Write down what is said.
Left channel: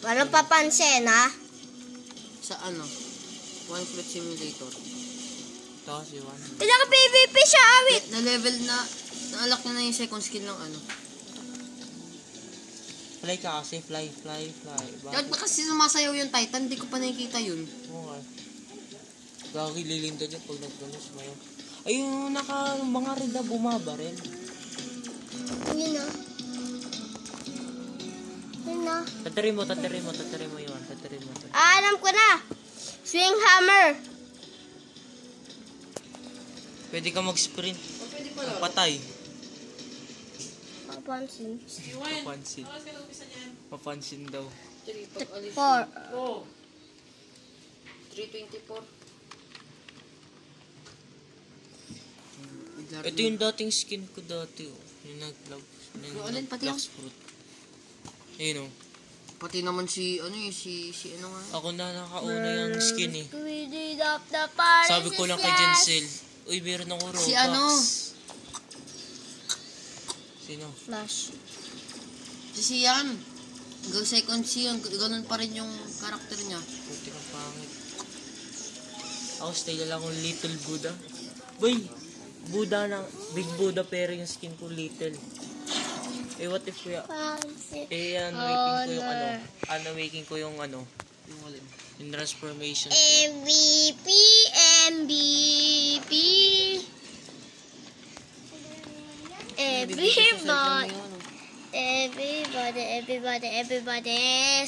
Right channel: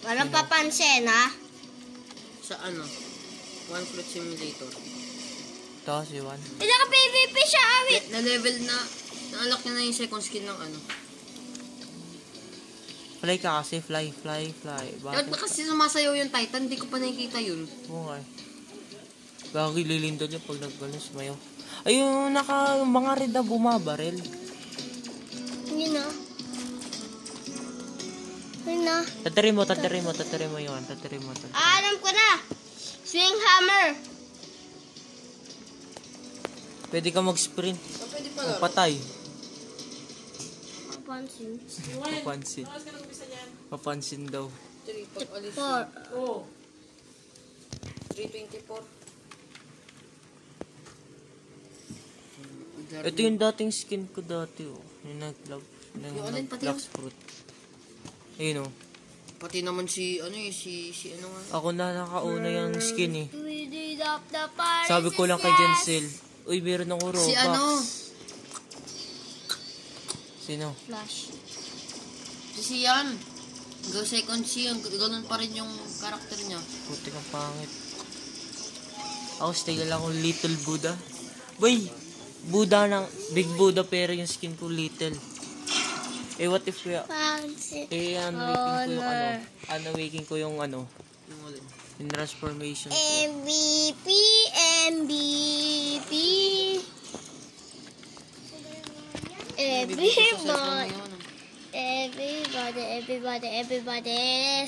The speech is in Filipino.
Walang papansin, ha? Sa ano? One Fruit Simulator. Ito, si Juan. Naka-PVP siya, awit. Na-level na, na-unlock niya na yung second skin ng ano. Fly ka kasi, fly. Bakit ba kasi sumasayaw yung Titan? Hindi ko pa nakikita yun. Okay. Gagi lilindol yun pag nagbalos mayo. Ayun, mga red na bumabaril. Yun na. Yun na. Tatari mo yun. Alam ko na. Swing hammer. Pwede ka mag-sprint. Patay. Papansin daw. 4. 324. Ito yung dating skin ko dati, oh. Yung nag-black fruit. Ayun, oh. Pati naman si ano nga. Ako na nakauna yung skin, eh. We did up the party. Sabi ko lang kay Jensel, uy, meron ako Robux. Si ano? Sino? Flash. Si Sian. Go second Sian. Ganun pa rin yung karakter niya. Puti kang pangit. Ako, stay lang akong Little Buddha. Boy! Buddha ng Big Buddha pero yung skin ko Little. Eh, what if kuya? Unwaking ko yung ano. Yung transformation ko. MVP. Everybody.